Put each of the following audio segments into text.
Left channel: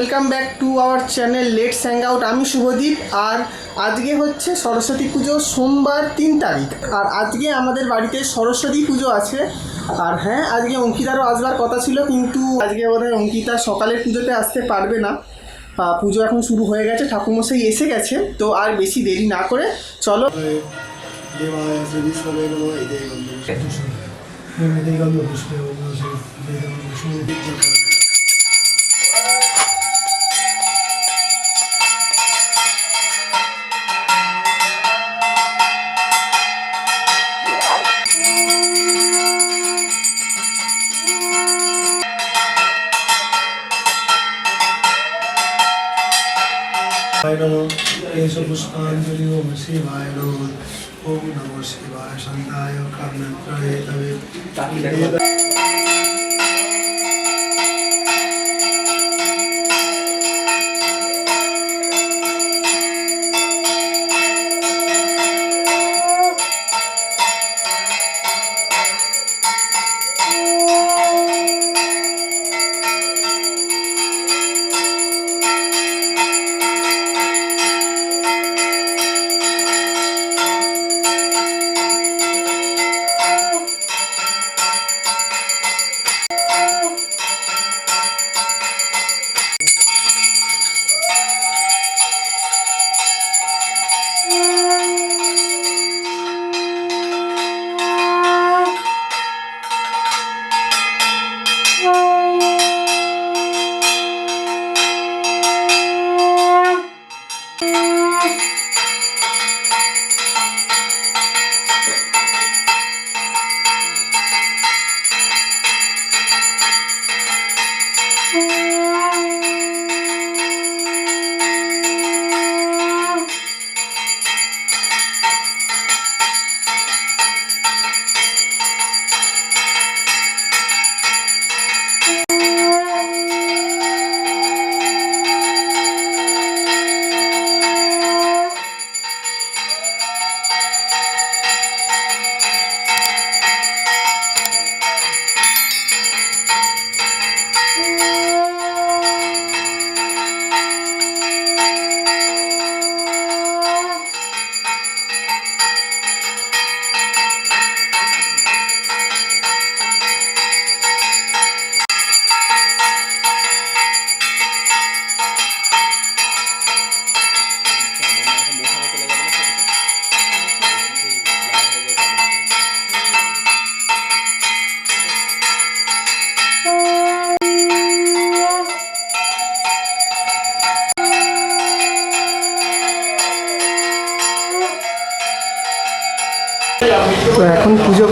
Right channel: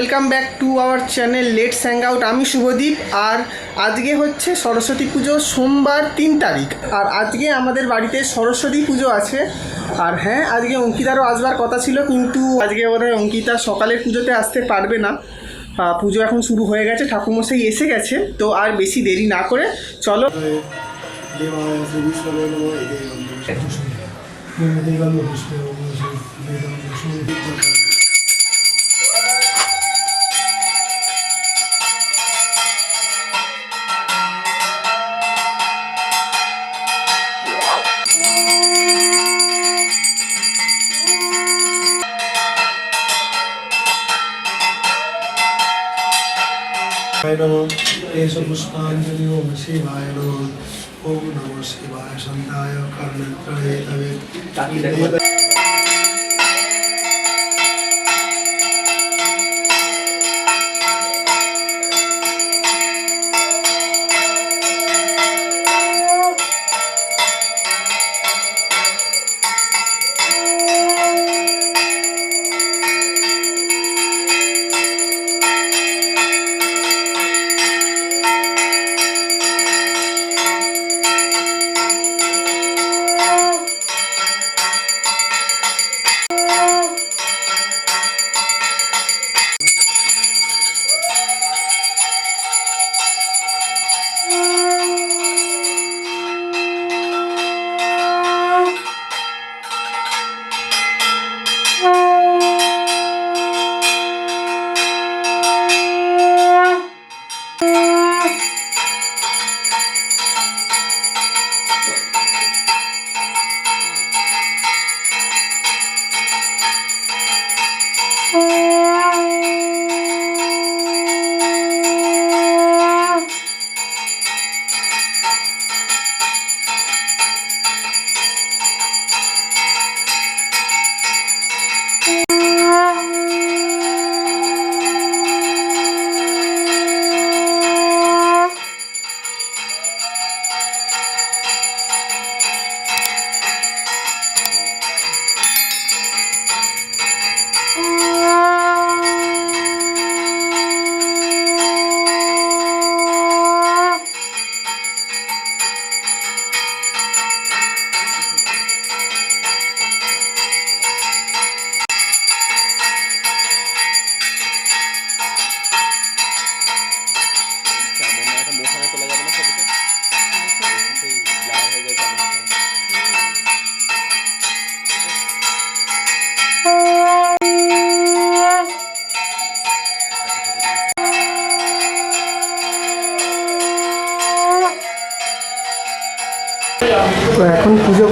Welcome back to our channel let's স্যাং out. আমি শুভদীপ আর আজকে হচ্ছে সরস্বতী পুজো সোমবার তিন তারিখ। আর আজকে আমাদের বাড়িতে সরস্বতী পুজো আছে। আর হ্যাঁ আজকে অঙ্কিতারও আসবার কথা ছিল কিন্তু আজকে বোধহয় অঙ্কিতা সকালের পুজোতে আসতে পারবে না। পুজো এখন শুরু হয়ে গেছে ঠাকুরমশাই এসে গেছে তো আর বেশি দেরি না করে চলো। नमो ओम शिवाय ओम नमो शिवाय शान्ताय कर्णत्रये तवे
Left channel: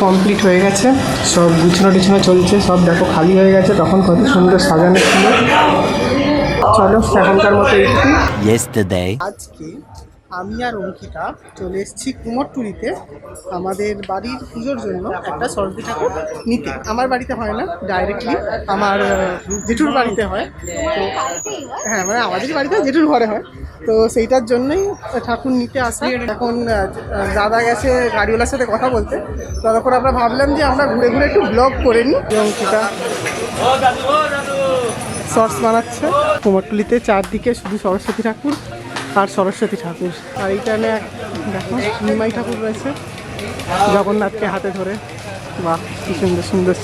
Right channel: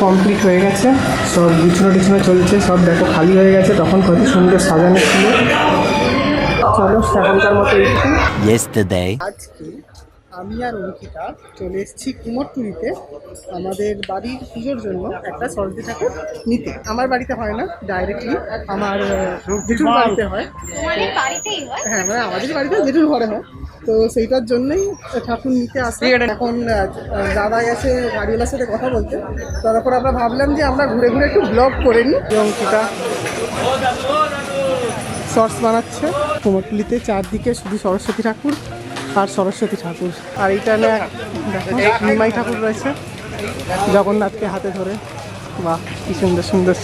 কমপ্লিট হয়ে গেছে। সব গুছনো টুছনো চলছে সব দেখো খালি হয়ে গেছে তখন কত সুন্দর সাজানো ছিল। চলো এখনকার মতো এইটুকুই yesterday. আজকে আমি আর অঙ্কিতা চলে এসেছি কুমোরটুলিতে আমাদের বাড়ির পুজোর জন্য একটা সরস্বতী ঠাকুর নিতে। আমার বাড়িতে হয় না ডাইরেক্টলি আমার জেঠুর বাড়িতে হয়। হয়? হ্যাঁ মানে আমাদের বাড়িতে জেঠুর ঘরে হয়। তো সেইটার জন্যই ঠাকুর নিতে আসি। এখন দাদা গেছে গাড়িওয়ালার সাথে কথা বলতে। ততক্ষণ আমরা ভাবলাম যে আমরা ঘুরে ঘুরে একটু ব্লগ করে নিই। অঙ্কিতা শর্টস বানাচ্ছে। কুমোরটুলিতে চারদিকে শুধু সরস্বতী ঠাকুর আর সরস্বতী ঠাকুর। আর এইটা না দেখো নিমাই ঠাকুর রয়েছে জগন্নাথকে হাতে ধরে। বাহ, কি সুন্দর সুন্দর।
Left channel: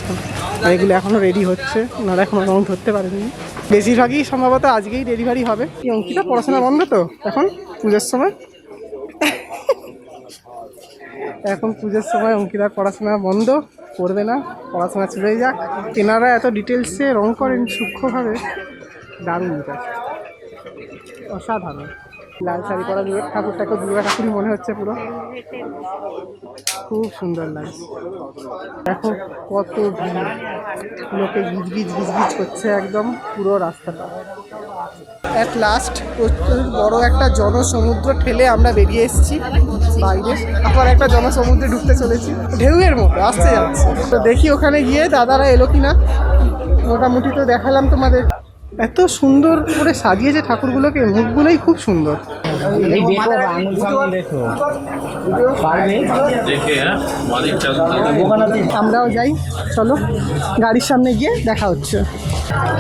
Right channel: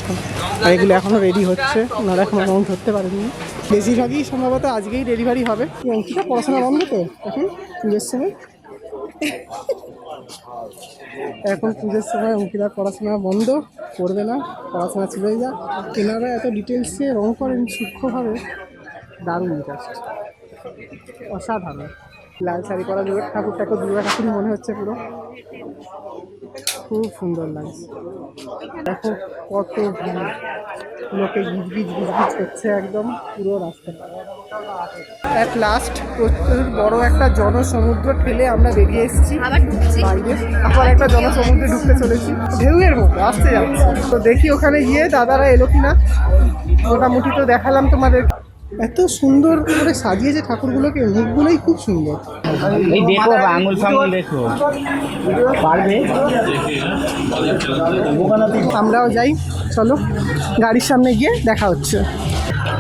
আর এগুলো এখনও রেডি হচ্ছে। ওনারা এখনও রং ধরতে পারেননি। বেশিরভাগই সম্ভবত আজকেই ডেলিভারি হবে। অঙ্কিতা পড়াশোনা বন্ধ তো? এখন পুজোর সময়? এখন পুজোর সময় অঙ্কিতার পড়াশোনা বন্ধ, করবে না, পড়াশোনা চলেই যাক। কেনারা এত ডিটেলসে রং করেন সূক্ষ্মভাবে, দারুণ জাস্ট অসাধারণ। লাল শাড়ি পরা দুর্গা ঠাকুরটাকে দুর্গা ঠাকুরই মনে হচ্ছে পুরো। খুব সুন্দর লাগছে। দেখো কত ভিড়। লোকে গিজগিজ গিজগিজ করছে একদম পুরো রাস্তাটা। অ্যাট লাস্ট প্রচুর বড় একটা জনসমুদ্র ঠেলে আমরা বেরিয়ে এসেছি। বাইরে আবার একটা জনসমুদ্রে ঢুকতে চলেছি। ঢেউয়ের মতো আসতে যাচ্ছে। তো দেখি ওখানে গিয়ে দাদারা এলো কিনা। মোটামুটি তো দেখালাম তোমাদের। এত সুন্দর করে সাজিয়েছে ঠাকুরগুলোকে মুখগুলোই খুব সুন্দর। এই দেখো আঙুল ফাঙুল দেখো। পারবে? আমরাও যাই চলো। গাড়ির সামনে গিয়ে দেখা হচ্ছে।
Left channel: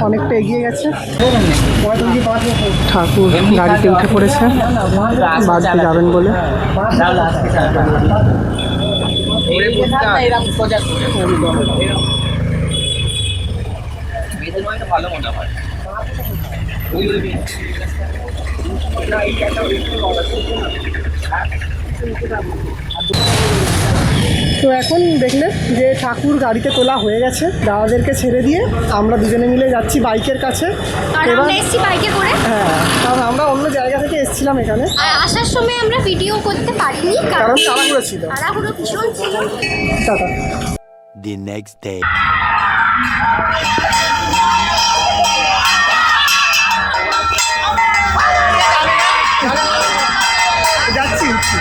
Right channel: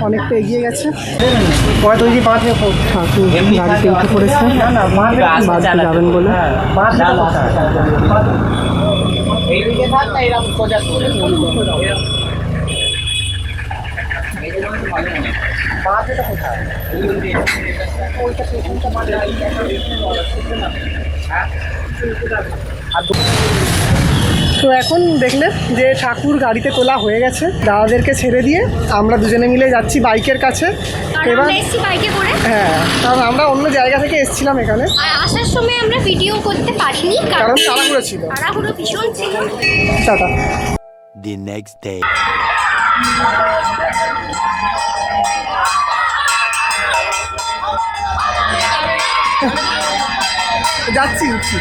অনেকটা এগিয়ে গেছে। ঠাকুর গাড়িতে উঠে পড়েছে বাড়িতে যাবেন বলে। এইদিকে থাক না এরকম সোজা করে ভালো মনে হয়। তো এখন দেখলে যে ঠাকুর গাড়িতে তোলা হয়ে গেছে দাদাদেরকে ছেড়ে দিয়ে আমরা দুজনে মিলে যাচ্ছি বাইকের কাছে। এবার বাইকে করে? হ্যাঁ কারণ আমরা অন্য জায়গা থেকে এসেছিলাম এখানে। আসার সময় আমরা ভিডিও করতে পারিনি কারণ তাড়াহুড়ো ছিল। তাড়াহুড়ো ভীষণ ছিল। টাটা। The next day. যাচ্ছি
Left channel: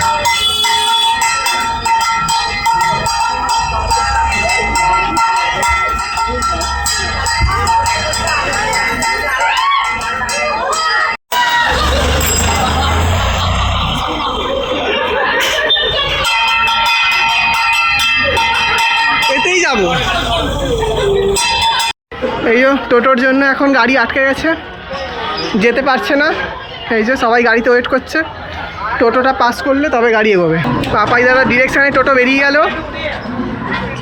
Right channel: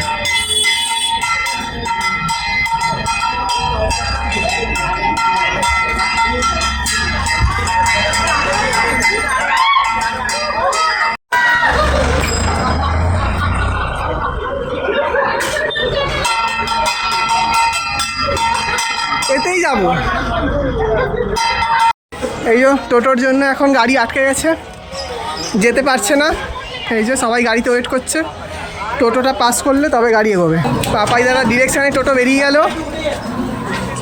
এতেই যাব। এই যে টোটোর জন্য এখন গাড়ি আটকে গেছে। যেতে পারছে না। এই যে সবাই গাড়িতে ওয়েট করছে। টোটোটা পাস করলে তবে গাড়ি এগোবে। পাপাই দাদা ডিরেকশানে টোটো বেরিয়ে গেল।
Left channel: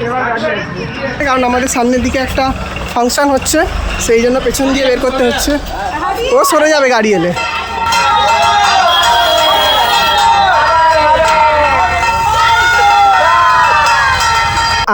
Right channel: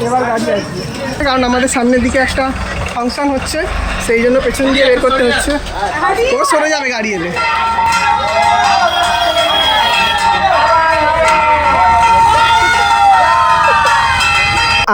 এবার গাড়ি আসবে। কারণ আমাদের সামনের দিকে একটা ফাংশন হচ্ছে, সেই জন্য পেছন দিয়ে বের করতে হচ্ছে। ও সরে যাবে গাড়ি এলে।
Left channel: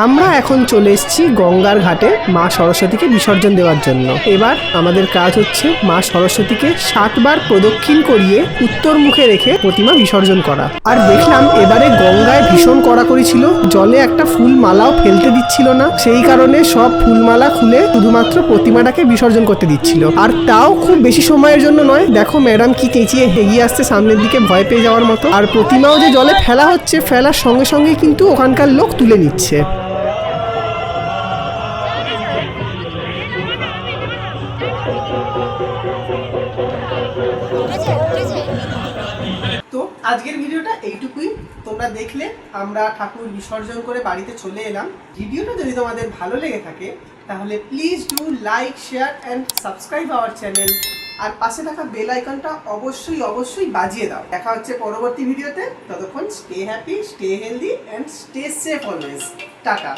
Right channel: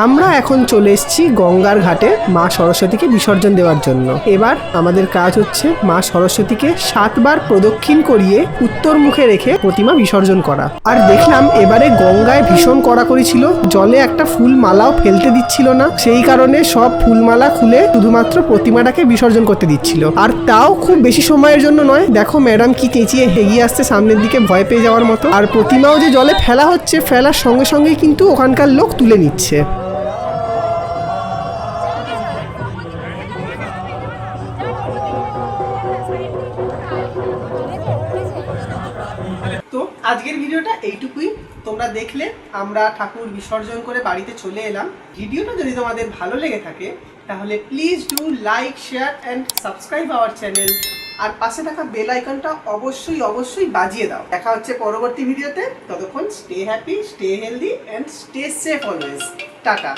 আমরা এখন চলে গঙ্গার ঘাটে মা সরস্বতীকে বিসর্জন দেওয়ার জন্য। এবার আমাদের কাজ হচ্ছে মা সরস্বতীকে সাতবার প্রদক্ষিণ করিয়ে উত্তর মুখে রেখে প্রতিমা বিসর্জন করা। আর দেখলাম এবারে গঙ্গায় ভীষণ কড়াকড়ি ছিল, জলে একটা ফুল মালাও ফেলতে দিচ্ছিল না। সেই কারণে সব ফুলমালা খুলে শুধুমাত্র প্রতিমাটাকে বিসর্জন করতে দিচ্ছিল। আর তাও খুব বেশি সময়ের জন্য নয়, দেখো ম্যাডাম কি চেঁচিয়ে এগিয়ে আসছে সামনের দিকে ভয় পেয়ে যাওয়ার মতো। আর প্রতিমাও যে জলে ফেলা হচ্ছে, ফেলার সঙ্গে সঙ্গে কিন্তু ওখানকার লোক তুলে নিচ্ছে। তো আজকের ভিডিওটা এইটুকুই। তোমরা দেখলে আমরা ঠাকুর বিসর্জন করে বাড়িতে চলে এলাম। ভিডিওটা যদি তোমাদের ভালো লেগে থাকে, তাহলে please do like share and subscribe our channel আর পাশে থাকা বেল আইকনটা অবশ্যই অবশ্যই বাজিয়ে দাও। দেখা হচ্ছে পরবর্তী ভিডিওতে। ততক্ষণ stay happy stay healthy and stay safe always ta-ta.